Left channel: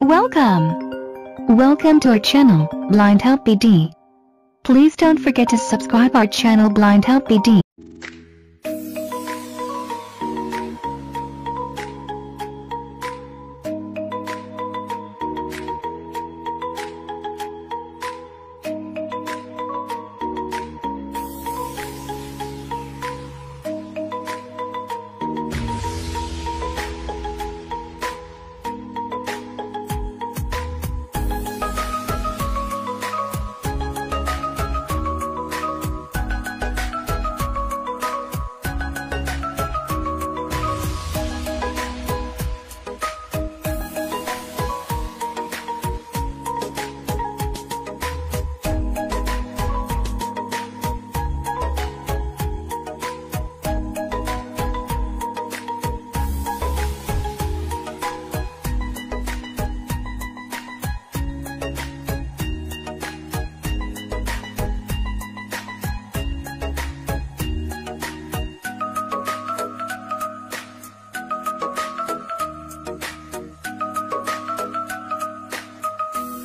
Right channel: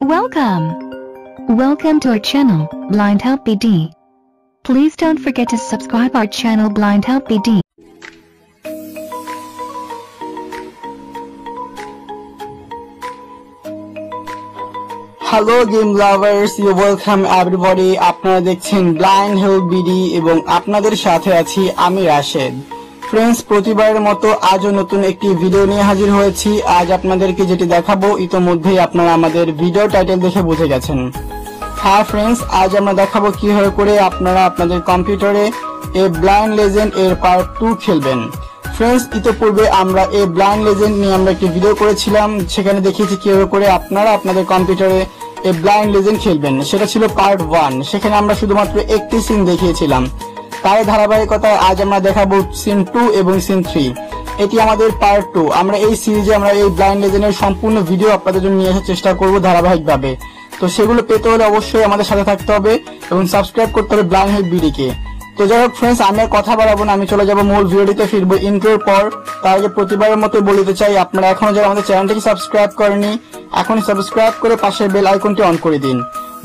Welcome to our channel, Blind Help BD. Please don't forget to subscribe our channel Blind Help BD. Hello game lovers, you welcome everybody. আপনারা দেখছেন Blind Help BD এবং আপনাদের সাথে আছি আমি রাশেদ। ফ্রেন্ডস, প্রতিবারের মতো আজও নতুন একটি ভিডিও নিয়ে হাজির হয়েছি। আজ আপনাদেরকে যেটি দেখাবো ইতোমধ্যেই আপনারা আমাদের ভিডিও টাইটেল দেখে বুঝে গেছেন। হ্যাঁ ফ্রেন্ডস, আজ আমরা দেখাবো কিভাবে করে আপনারা আপনাদের কম্পিউটারে এ ব্লাইন্ড লেজেন্ড এর পার্ট 2 খেলবেন। ফ্রেন্ডস, ইতোপূর্বে আমরা এই ব্লাইন্ড লেজেন্ড নিয়ে আমরা একটি ভিডিও করেছিলাম, সেখানে দেখিয়েছি কিভাবে করে আপনারা আপনাদের কম্পিউটারে এই ব্লাইন্ড লেজেন্ড খেলবেন। সেটা ছিল পার্ট 1, সেখানে আমরা শুধুমাত্র একটি সিন দেখিয়েছিলাম। তার ধারাবাহিকতায় আজ আমরা দেখাবো সিন 2 এবং সিন 3। এটি আমাদের পার্ট 2। আমরা এই সিরিজে আমরা এই ব্লাইন্ড লেজেন্ডের সম্পূর্ণ ভিডিও আপনাদের জন্য নিয়ে আসার চেষ্টা করব ধারাবাহিকভাবে। তো সেগুলো পেতে হলে অবশ্যই আমাদের সাথে থাকতে হবে এবং সাবস্ক্রাইব করতে হবে ব্লাইন্ড হেল্প বিডিকে। তো যাই হোক ফ্রেন্ডস, আমি আর কথা বাড়াবো না, আমি চলে যাবো মূল ভিডিওটিতে ফিরবো ইন্ট্রোর পর। তার আগে প্রতিবারের মতো বলতে চাই, আপনারা এখনো যারা আমাদের চ্যানেলটিকে সাবস্ক্রাইব করেনি, এখনই সাবস্ক্রাইব করে পাশের বেল আইকনটি অন করে দিন।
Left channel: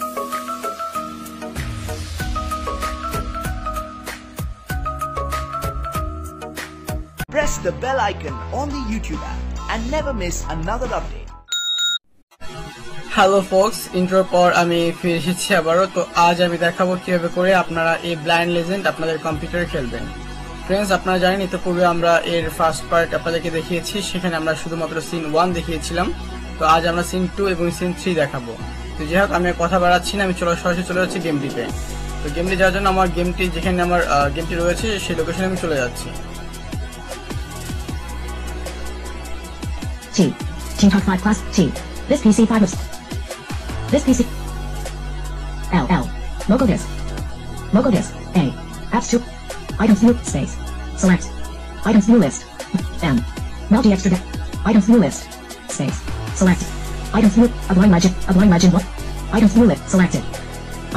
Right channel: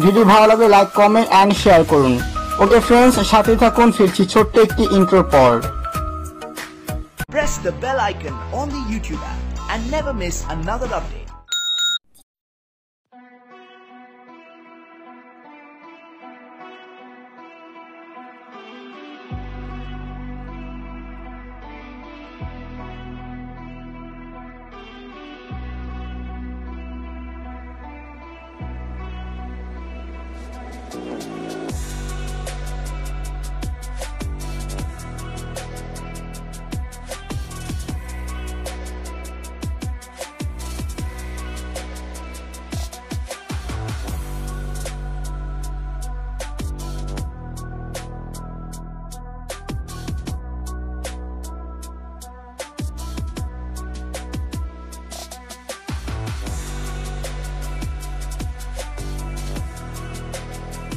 ভিডিও ভালো লাগলে লাইক, কমেন্ট এন্ড শেয়ার করুন। ওকে ফ্রেন্ডস, সাথে থাকুন, ফিরছি ছোট্ট একটি ইন্ট্রোর পর। Press the bell icon on the YouTube app and never miss another update. Hello folks, ইন্ট্রোর পর আমি ফিরে এসেছি আবারও। তো আজ আমি দেখাবো কিভাবে করে আপনারা এই ব্লাইন্ড লেজেন্ড আপনাদের কম্পিউটারে খেলবেন। ফ্রেন্ডস, আপনারা জানেন ইতিপূর্বে আমরা এর ফার্স্ট পার্ট আপনাদেরকে দেখিয়েছি, সেখানে আমরা শুধুমাত্র সিন 1 দেখিয়েছিলাম। তো আজ আমরা সিন 2 এবং সিন 3 দেখাবো। তো যাই হোক, আমি কথা বাড়াচ্ছি না, আমি সরাসরি চলে যাচ্ছি গেমটিতে। তো গেমটি যাওয়ার জন্য আমার গেমটি যেখানে আমার গেমটি রয়েছে সেই লোকেশনে আমি চলে যাচ্ছি। Team Talk 5 Plus T. This PC 5 is. This PC. L. Local disk. Local disk. A. Apps 2. Items view. Space. Select. Items view list. M. Multi extra disk. Items view list. Space. Select. Items view. A blind legend. What? Items view list. Selected.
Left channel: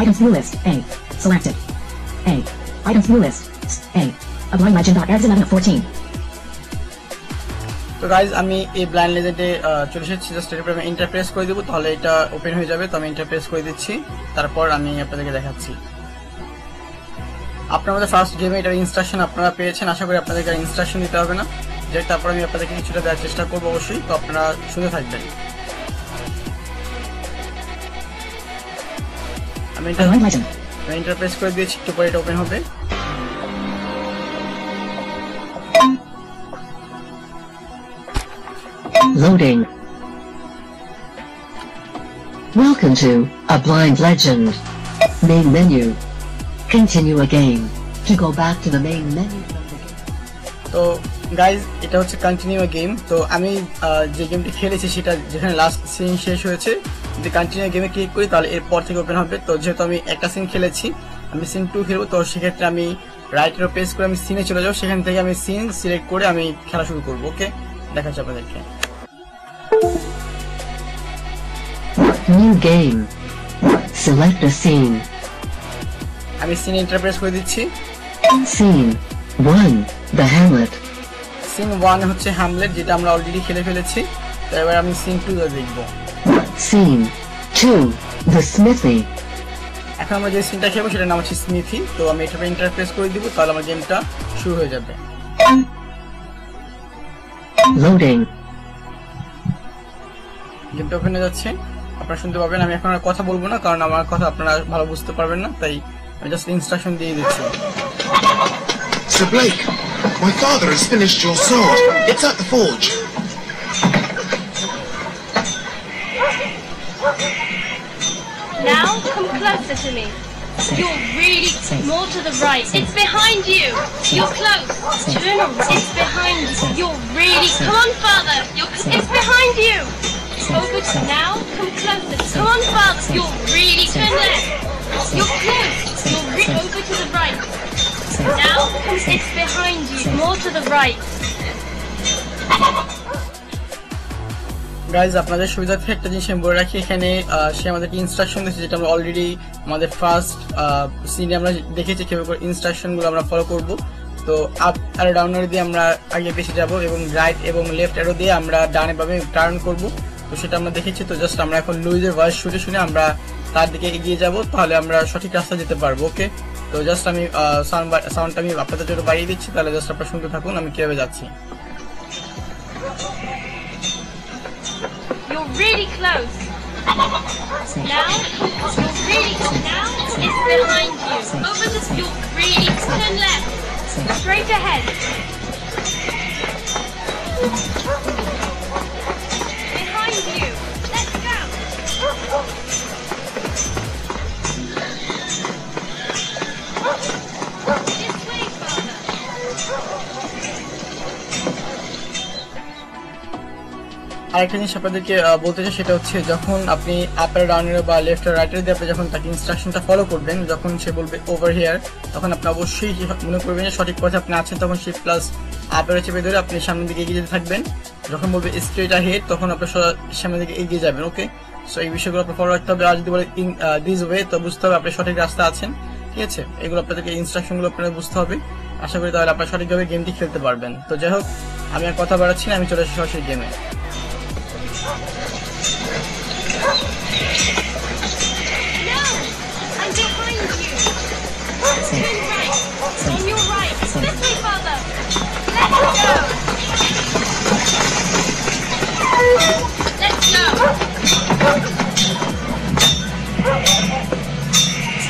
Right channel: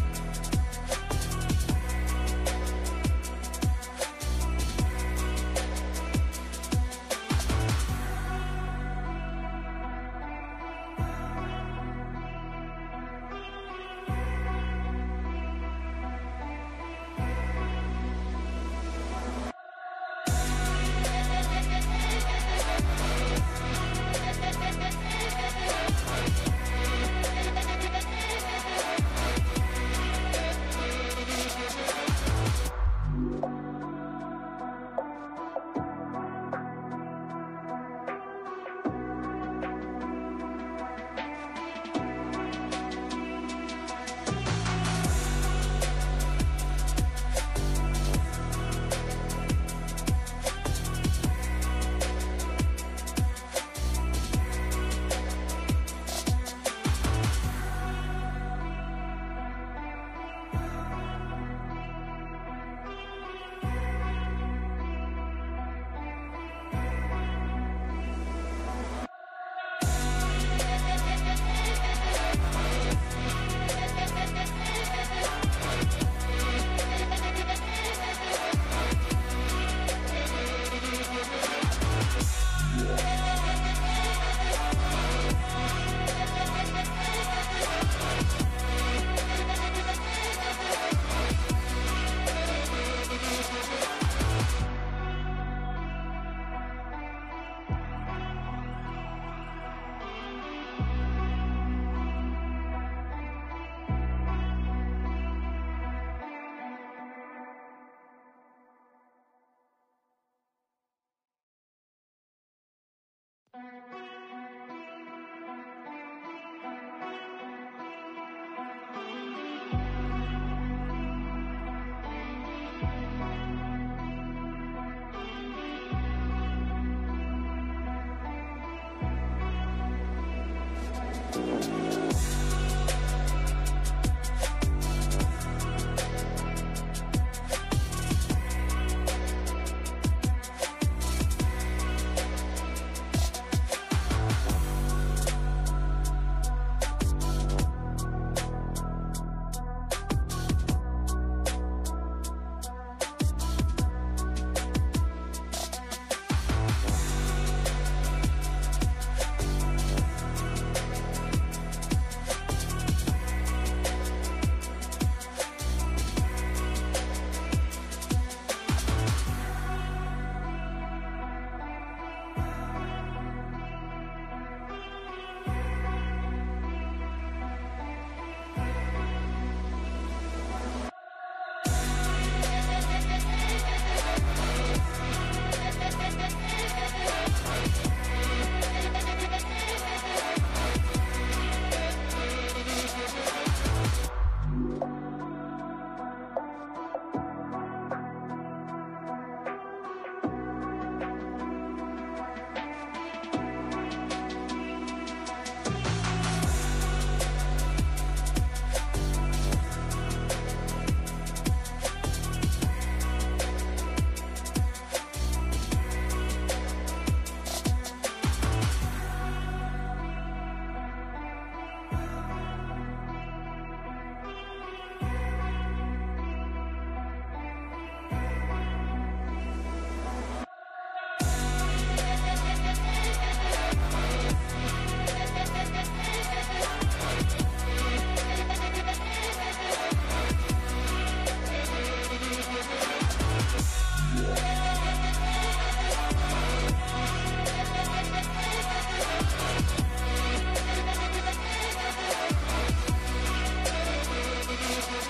Items view list. A. Selected. A. Items view list. A. A blind legend. Ads 11 of 14. তো গাইজ, আমি এই ব্লাইন্ড লেজেন্ডে চলে এসেছি। জাস্ট এর উপরে আমি ইন্টারপ্রেস করে দেবো, তাহলে এটা ওপেন হয়ে যাবে। তো আমি ইন্টারপ্রেস করে দিচ্ছি, তারপর আমি আপনাদেরকে দেখাচ্ছি। আপনার মধ্যে ফার্স্ট গেমে এটার ইনস্ট্রাকশন আপনারা পেয়েছেন, আশা করি আপনাদেরকে ইনস্ট্রাকশন দিতে হবে না। তারপর আমি আপনাদেরকে কিছুটা দেওয়ার চেষ্টা করবো অবশ্যই, তো আপনারা শুনে থাকবেন। আমি ইন্টারপ্রেস করে দিয়েছি, একটু পরে এটা ওপেন হবে। Loading. Welcome to A Blind Legend. Main menu. Continue a game. To go back to the main menu. তো গাইজ, এটা হচ্ছে কন্টিনিউ গেম। তো আমি যে গেমটি খেলেছি সেটা যেখানে লাস্ট সিন শেষ হয়েছে, যদি কন্টিনিউ গেমে ক্লিক করি তাহলে এরপর থেকে ওপেন হবে। তো যেহেতু আমি একটা সিন খেলেছি, আমি সিন 2 খেলবো, তো সেক্ষেত্রে আমি রাইটের প্রেস করে আমি সিনে চলে যাবো, সেখান থেকে আমি সিন সিলেক্ট করে আমি খেলা শুরু করবো। ওকে, দেখা যাবে আপনাদেরকে। New game. Select a scene. আমি সিনে ইন্টারপ্রেস করে দিচ্ছি। Scene 1. The Hamlet. সিন 1 হচ্ছে হ্যামলেট, যেটা আমরা অলরেডি খেলে ফেলেছি। তো এবার আমি সিন 2 দেখবো। Scene 2. The Smithy. এখন আমরা যে সিনটা খেলবো সেটার নাম হচ্ছে স্মিথি। তো আমি এটা ইন্টারপ্রেস করে দিব, তাহলে আমার গেমটা শুরু হয়ে যাবে। Loading. গেমটা ওপেন হয়ে যাচ্ছে, আপনারা শুনতে পাবেন। আমি এখন আর কথা বলবো না, কারণ আমার কথা আপনারা ভালো বুঝতে পারবেন না, তাই আমি জাস্ট ইনস্ট্রাকশন দিয়ে দিচ্ছি। Sir Blake, my father has finished your sword. It's at the forge. Now come closer to me. You're really more to the right. It's behind you. You're close. Turn around. It's behind you. You're really. Come on, father. It's behind you. Over to now. Come closer. Come on, father. You're really. Turn left. You're close. You're over to the right. Now it's behind you. More to the right. Guys, আপনাদের সুবিধার্থে একটা জিনিস আমি বলে রাখি, এখানে সে আমাদেরকে ইনস্ট্রাকশন দিয়েছে, যেটা আমরা অলরেডি আমাদের ফার্স্ট সিনে আমরা দেখেছি কিভাবে করে ইনস্ট্রাকশনগুলো আমরা ফলো করব। তো আপ আর ডাউন অ্যারো দিয়ে আমরা আগে বেশি যাব এবং রাইট এবং লেফট অ্যারো দিয়ে আমরা ডানে বামে টার্ন করব। তো সেটা আমরা দেখেছি। তো জাস্ট আমরা এখন লুইজের ভয়েস শুনে শুনে আমরা তার দিকে এগিয়ে যাব, তাহলে আমরা সঠিক রাস্তা যেতে পারবো। ওকে, তো জাস্ট আমি সাউন্ডটা আমি আপনাদের জন্য বাড়িয়ে দিচ্ছি, তাহলে জাস্ট আপনারা শুনতে থাকুন আমি কিভাবে যাচ্ছি। You're really close. Now, you're really close. Now, it's behind you. Over the, you're really, turn left. Straight ahead. Behind you. Let's go. This way, Father. আরেকটা জিনিস আপনাদেরকে বলতে চাই, সেটা হচ্ছে যখন আপনি আপার ডাউনের বা লেফট আর রাইটের দিয়ে আপনি যখন তাকে ইনস্ট্রাকশনটা ফলো করবেন, যখন সে বলবে ওভার হিয়ার, তখন আপনি অবশ্যই মনে করবেন যে সঠিক পথে আপনি আছেন, তখন শিফট প্লাস আপারে চেপে ধরে আপনি সামনের দিকে এগিয়ে যেতে থাকবেন। যখন বলবে স্ট্রেট হেড, তখন আপনি সামনের দিকে এগিয়ে যাবেন। ওকে, সো এই বিষয়গুলো আপনার ফলো রাখতে হবে। আর যদি বলে ইন দিস ওয়ে, তো বুঝতে হবে আপনি সঠিক রাস্তা আছেন। ঠিক আছে, এগুলো আপনাদেরকে ইনস্ট্রাকশনগুলো আপনাদের বুঝতে হবে। আশা করি তাহলে আপনারা সঠিকভাবে গেমটি খেলতে পারবেন। তো যাই হোক, আমি আর কথা বাড়াচ্ছি না, আমি চলে আসছি সরাসরি গেমে। No! I'm behind you! Turn right! On your right! This way, Father! Let's go! Let's go!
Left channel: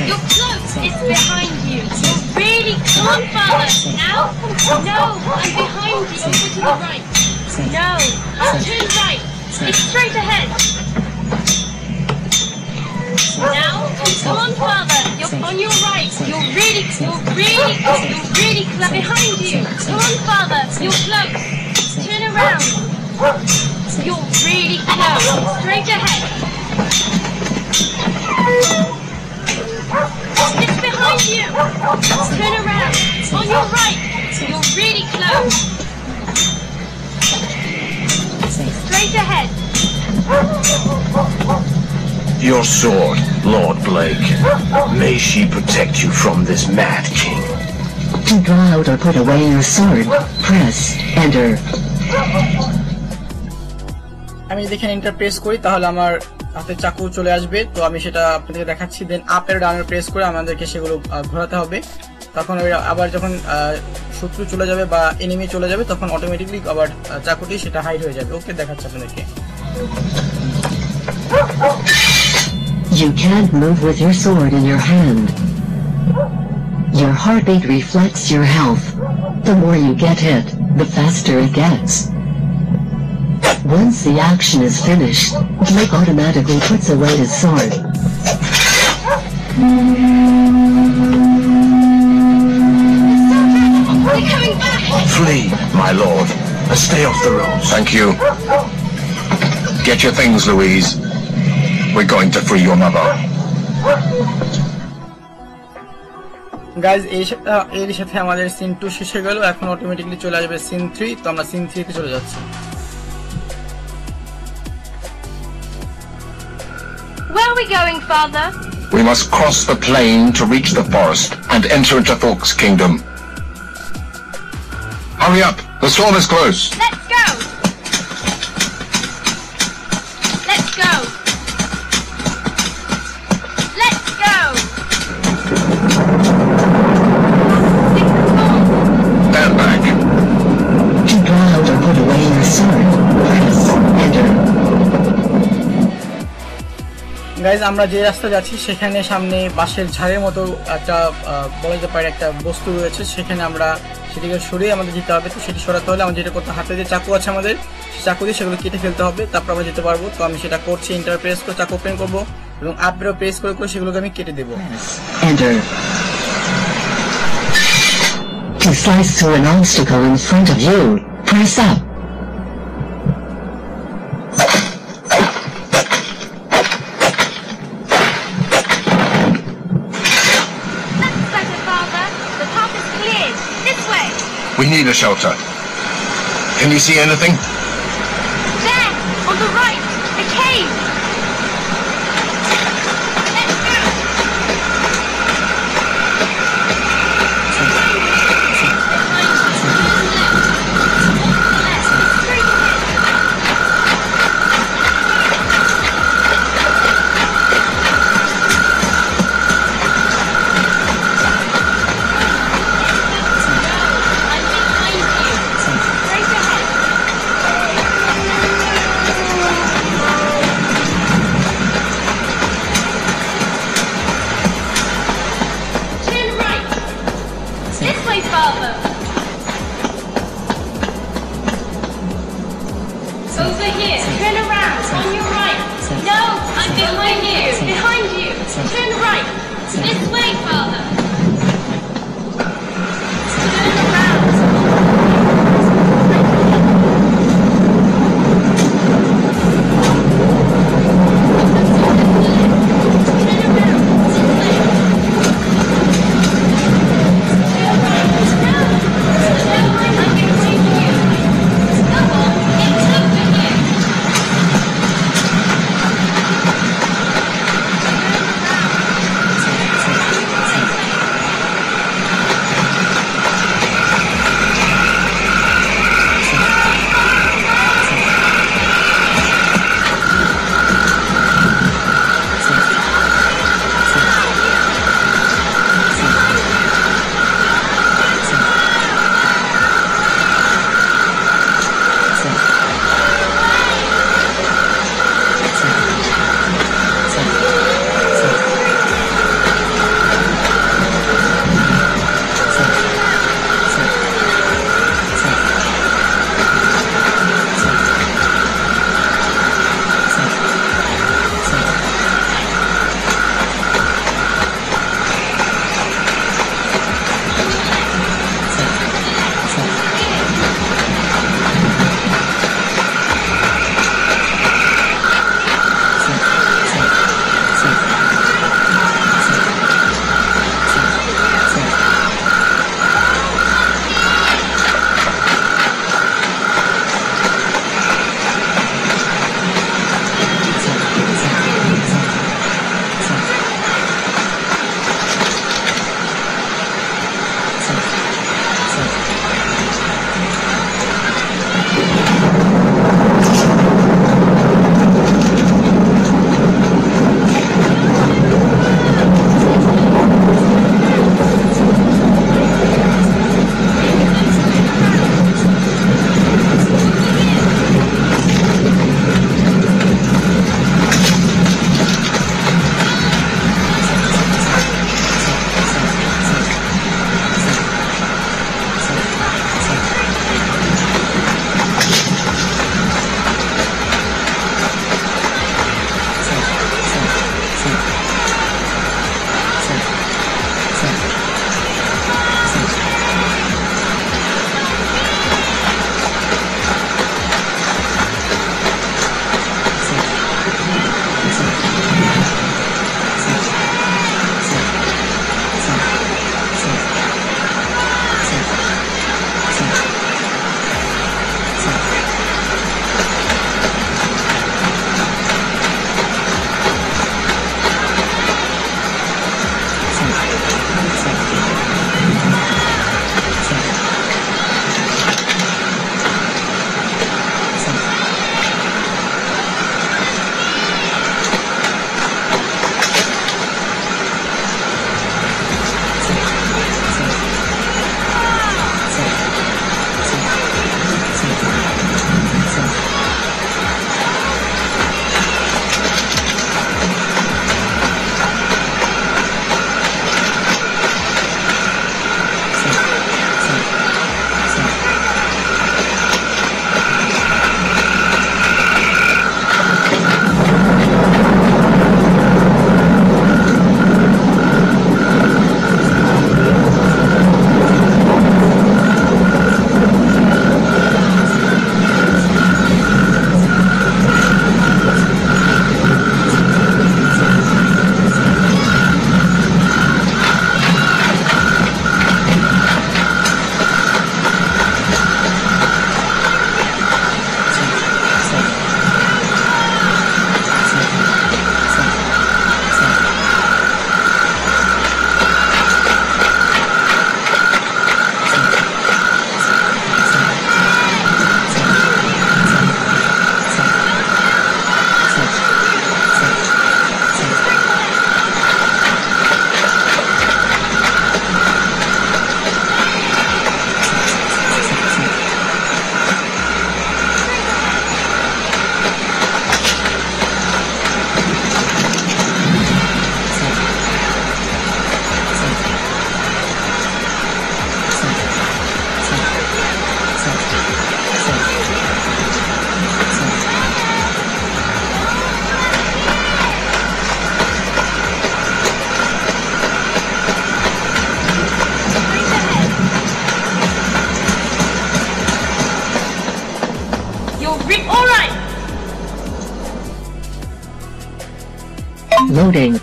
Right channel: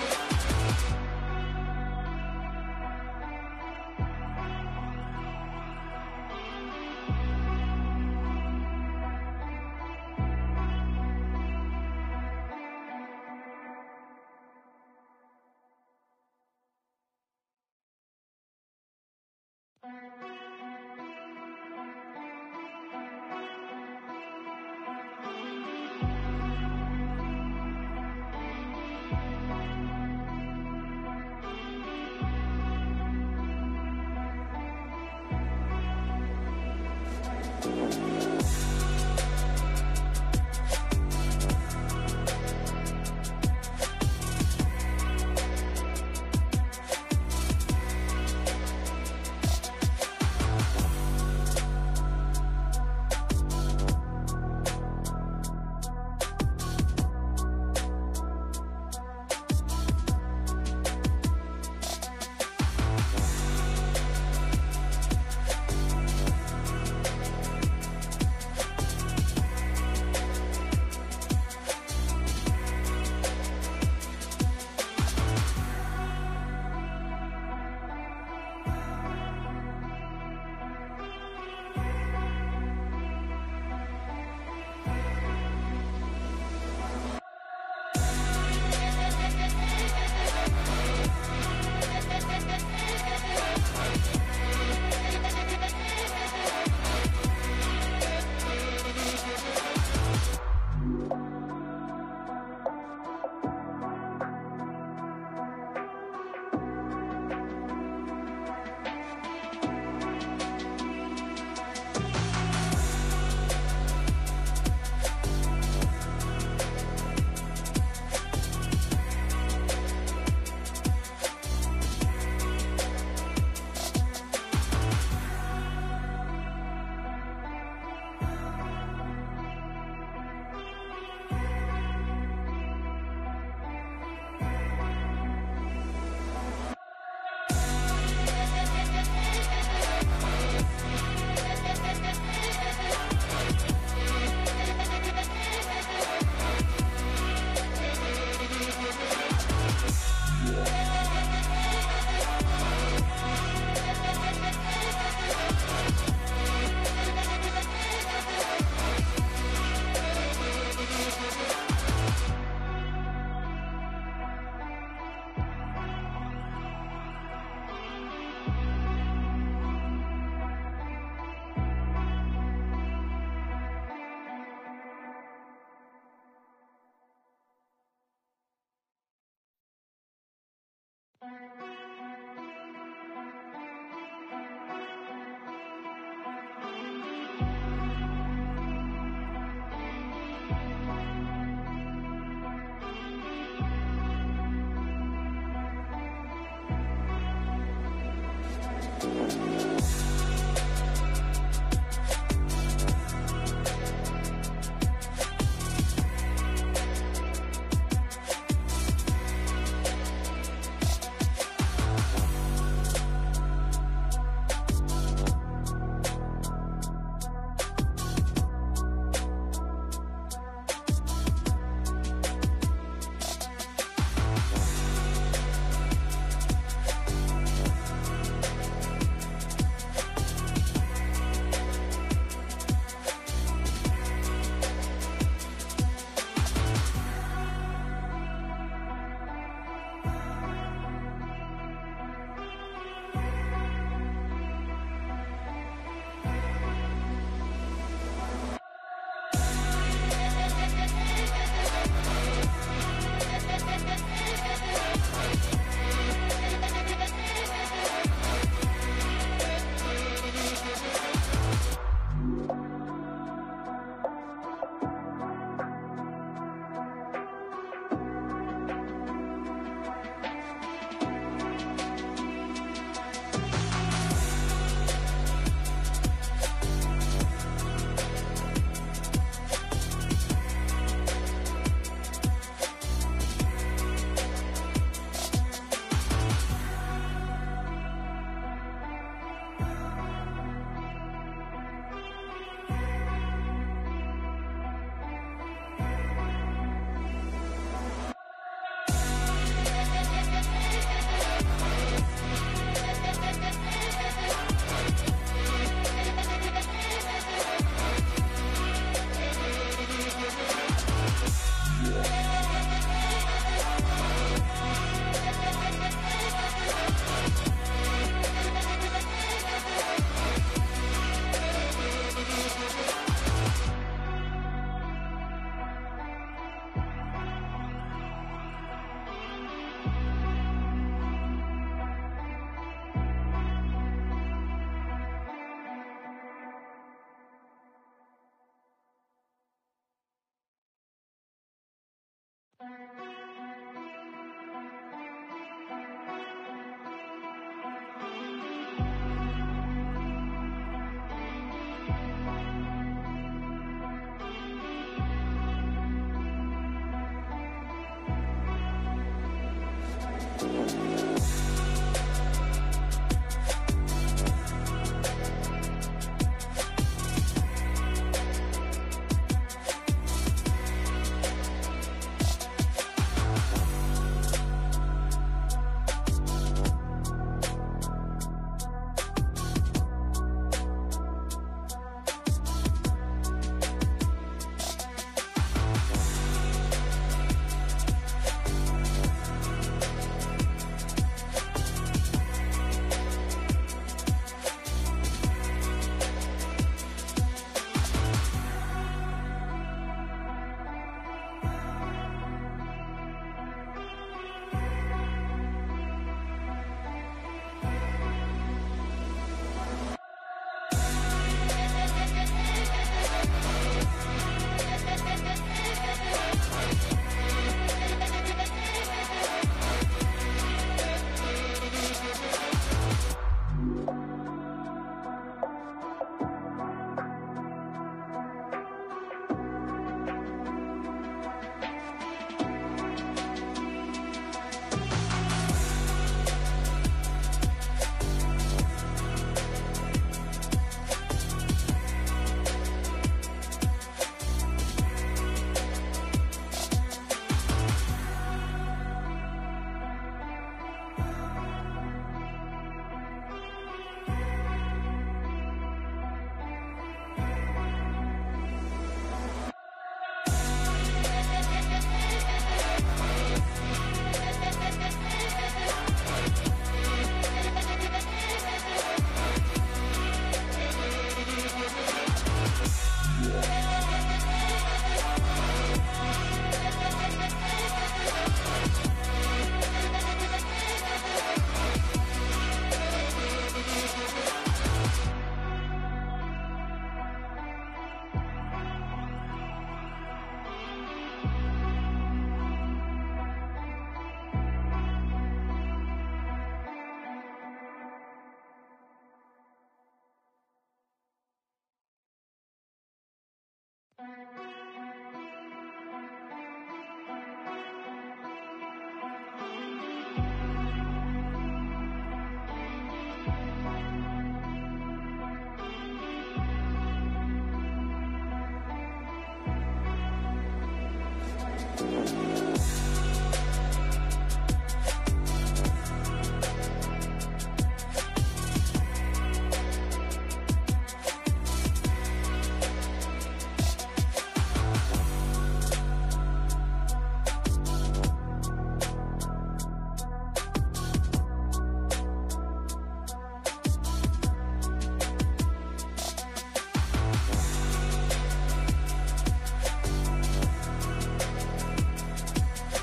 You're close! It's behind you! You're really... Come on, Father! Now? No! I'm behind you! Over to the right! No! Turn right! It's straight ahead! Now, come on, Father. You're on your right. You're really close. Behind you. Come on, Father. You're close. Turn around. You're really close. Straight ahead. It's behind you. Turn around. On your right. You're really close. Straight ahead. Your sword, Lord Blake. May she protect you from this mad king. To draw out or put away your sword, press Enter. আমি যদি এখানে enter press করি, তাহলে আমার হাতে চাকু চলে আসবে। তো আমি সেটা আপনাদেরকে দেখাচ্ছি। দেন আপের ডাউনের প্রেস করে আমাদেরকে সেগুলো ঘোরাতে হবে। তখন আবার যখন শত্রু চলে যাবে বা এনিমি চলে যাবে, তখন অটোমেটিকলি আবার চাকুটি সেটা হাইড হয়ে যাবে। ওকে, দেখাচ্ছি আপনাদেরকে। You can't move with your sword in your hand. Your heartbeat reflects your health. The more you get hit, the faster it gets. Once the action is finished, Blake automatically puts away his sword. They're coming back! Flee, my lord, and stay off the roads. Thank you. Get your things, Louise. We're going to free your mother. Guys, এর সাথে আমাদের সিন 2 শেষ হয়ে গেল। এখন অটোমেটিকলি চলে আসবে সিন 3। তো আমরা সিন 3 তে চলে যাচ্ছি। Where are we going, Father? We must cross the plain to reach the forest and enter into Thork's kingdom. Hurry up, the storm is close. Let's go! Let's go! Let's go! Stand back. To draw out or put away your sword, press Enter. Guys, আমরা যে রাস্তা যাচ্ছি সেখানে সামনে বাঁশের ঝাড়ের মতো একটা বলা যেতে পারে একটা বস্তু রয়েছে। সেখানে আমরা সেটিকে সরিয়ে আমাদের যেতে হবে। তো সেটি সরাতে হলে আমাদের যেটা করতে, হাতে যে চাকু আছে আমাদের, সেই চাকু দিয়ে সেগুলো কেটে ফেলতে হবে, তারপর আমরা যেতে পারবো। তো আমি সেটা করছি। এন্টার প্রেস করে চাকু ওপেন করবো এবং আপেরও প্রেস করে করে সেগুলোকে আমি কেটে দেবো। Enter. To slice through an obstacle in front of you, press up. That's better, Father. The path is cleared. This way. We need a shelter. Can you see anything? There, on the right, a cave. Let's go. Turn right. This way, Father. Turn around. Loading.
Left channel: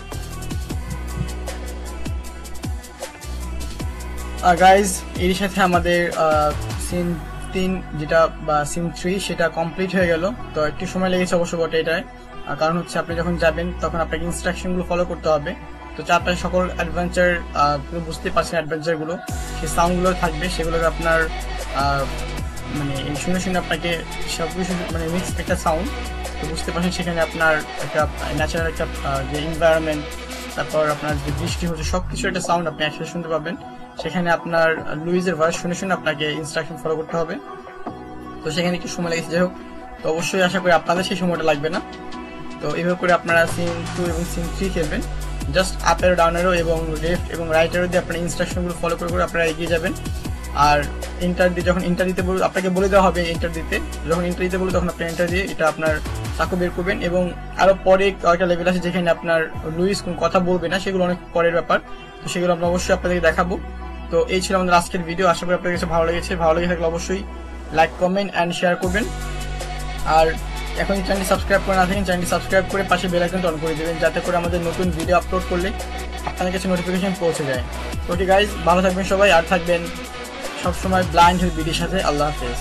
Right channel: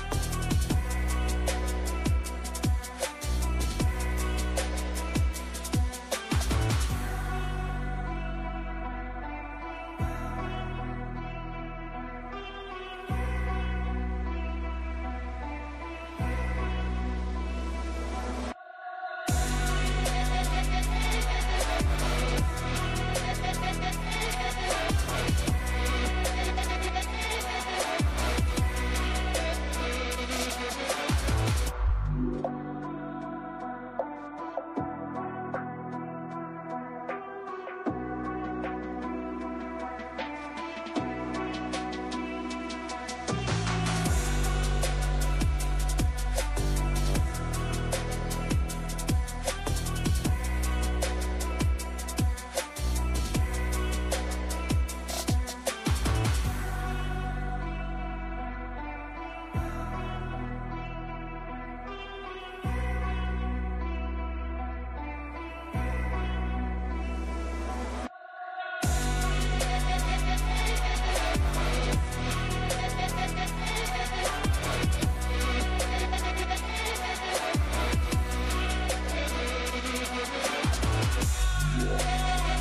Guys এর সাথে আমাদের সিন 3 যেটা বা সিন 3 সেটা কমপ্লিট হয়ে গেল। তো একটু সময় লেগেছে অবশ্য বটে এটায়, কারণ হচ্ছে আপনি যখন যাবেন তখন আপনাকে ইনস্ট্রাকশনগুলো ফলো করতে হবে। তো চারপাশে সকল অ্যাডভেঞ্চার বুঝতে পারছেন, অ্যাডভেঞ্চারগুলো সেই সাউন্ডগুলো থাকবে, সেগুলো আপনার মানে শুনে শুনে আপনাকে সব কিছু মানে মিক্স একটা সাউন্ড বুঝতে পারছেন। সেখানে আপনার একটা ন্যাচারাল একটা যে এনভায়রনমেন্ট, তারপর আপনার যে বৃষ্টি হচ্ছে সব কিছু একটা সাউন্ড আপনি একসাথে শুনতে পাবেন। সেখানে আপনার লুইজের ভয়েস শুনে শুনে আপনাকে ইনস্ট্রাকশন ফলো করতে হবে। তো সেখানে একটু সময় লেগেছে, যাই হোক। তো অবশ্যই আশা করি আপনাদের সেই সময়টা লাগবে না। তো এইভাবে করে আপনারা সিন 2 এবং সিন 3 খেলবেন। জাস্ট আপের ডাউনেরও এবং লেফট এবং রাইটেরও দিয়ে আপনার ইনস্ট্রাকশনগুলো ফলো করে আপনারা এগিয়ে যাবেন। আর এন্টার দিয়ে যখন এন্টার দিতে আপনাকে বলে দেওয়া হবে এন্টার দিতে, যখন এন্টার দিতে বলবে তখন আপনি এন্টার দিয়ে এটা আপনার চাকু বের করবেন। এবং আরও পরে কয়েকটা লেভেল আছে যেখানে আপনার লুইস কোন কথা বলবে না, সেগুলো অনেক পরের ব্যাপার। তো সেগুলো আমরা অবশ্যই আপনাদেরকে দেখাবো। তো এই ছিল আমাদের আজকের ভিডিও। আশা করি আপনাদের কাছে ভালো লেগেছে। ভালো লেগে থাকলে অবশ্যই লাইক, কমেন্ট অ্যান্ড শেয়ার করবেন। আর এখন চ্যানেলটি সাবস্ক্রাইব করে না থাকেন, চ্যানেলটি সাবস্ক্রাইব করে পাশে বেল আইকনটা অন করে দেবেন, যাতে করে আমাদের নতুন ভিডিও আপলোড করলে আপনাদের কাছে নোটিফিকেশন পৌঁছে যায়। ওকে গাইজ, ভালো থাকবেন সবাই, আর থাকবেন সবসময় ব্লাইন্ড হিল বিডির সাথে। আল্লাহ হাফেজ।